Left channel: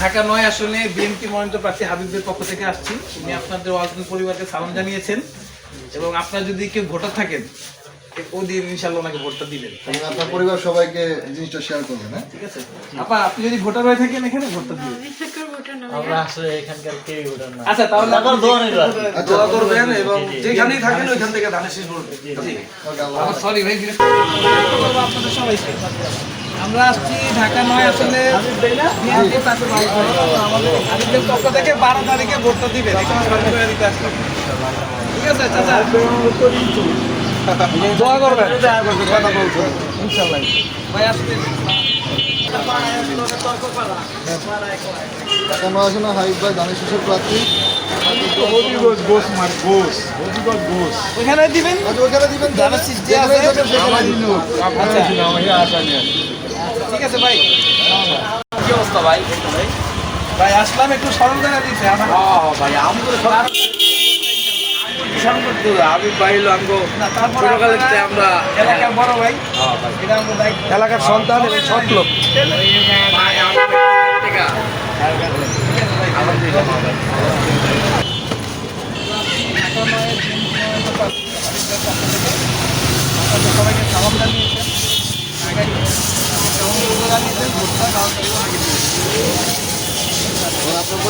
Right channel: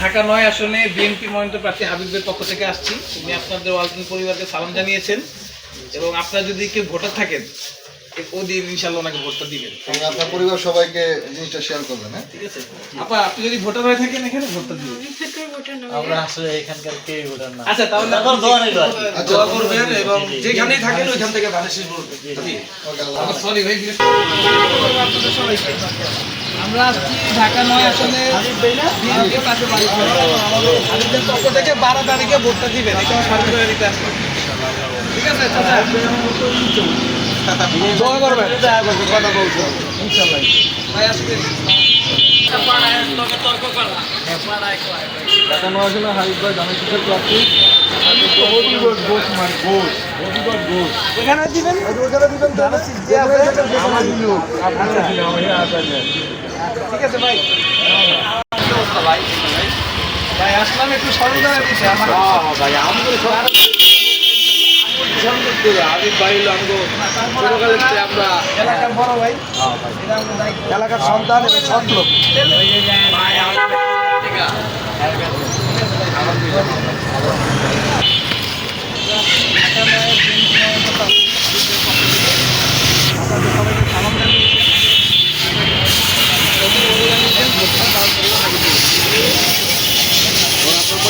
ঢাকা নয় আসনে বিএনপি মনোনীত প্রার্থী হাবিবের পক্ষ থেকে আসছি। তিনি আপনাদের ওয়াজনী পরিবারকে সালাম জানিয়েছেন এবং আপনারা যদি কেউ ভোটার থাকেন ওদিন ইনশাল্লাহ ওনাকে ভোটটা দিবেন। আপনার পরিবার সবাইকে জিনিসটা শেয়ার করবেন হ্যাঁ? ঠিক আছে। আপা আপনি যদি ভোটার হয়ে থাকেন এখানে ভোটটা দিবেন। আমরা আসলে এখানকার কেউ ওঠার না আচ্ছা তাহলে দোয়া নিবেন। দোয়া করবেন এবং যেখানেই থাকেন ওইখান থেকে ধানের শীষ বলবেন আমার সরি ভাই আপনাদের সবাইকে আমরা আসছি ঢাকা নয় আসলে। আমাদের পক্ষ থেকে বারো তারিখে ভোটটা দিবেন। এখানে সরকারি দিতে আসবে ঠিক আছে চাচা? দোয়া করবেন। কথা বলছো ইনশাল্লাহ ভাই আসবে ঢাকা নয় আসলে হাবিব ভাই ধানের শীষের প্রার্থী এখানে দিবেন? ওখানে দিবেন শীষ আমার আচ্ছা। ঠিক আছে ভাই। কি অবস্থা ভাই? ভাই ভাই আসলাম একটু স্মরণ করে দিতে আমার ভাই আমি এলাকার হ্যাঁ ভাই। এটা আমাদের দায়িত্ব এলাকার সন্তান এবং সৎ লোক। আপনার পরিবার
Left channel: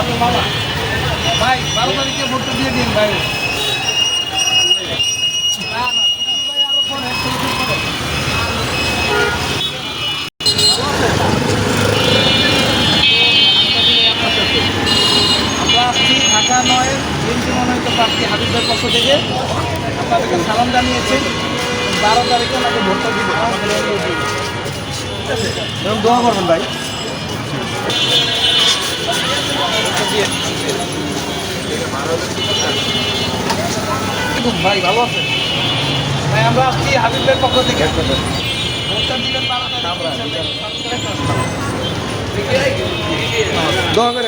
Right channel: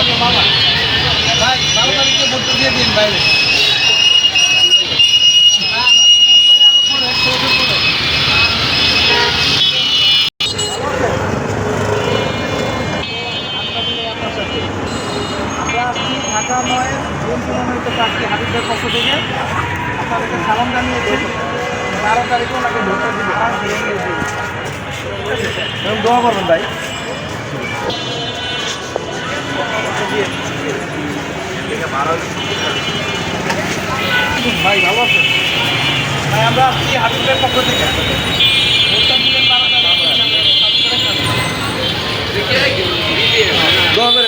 আপনার বাবা। ভাই বারো তারিখে ভোটটা দিয়ে দিন ভাই ঢাকা নয় বিএনপি মনোনীত প্রার্থী হাবিবের পক্ষ থেকে। আপনাদেরকে সালাম জানিয়েছেন বারো তারিখে ওনাকে ভোটটা দিবে। রইল। ঠিক দোয়া করবেন ভাই। ভাই ভালো আছেন ভাই আমরা আসছি হাবিবের পক্ষ থেকে ভোটটা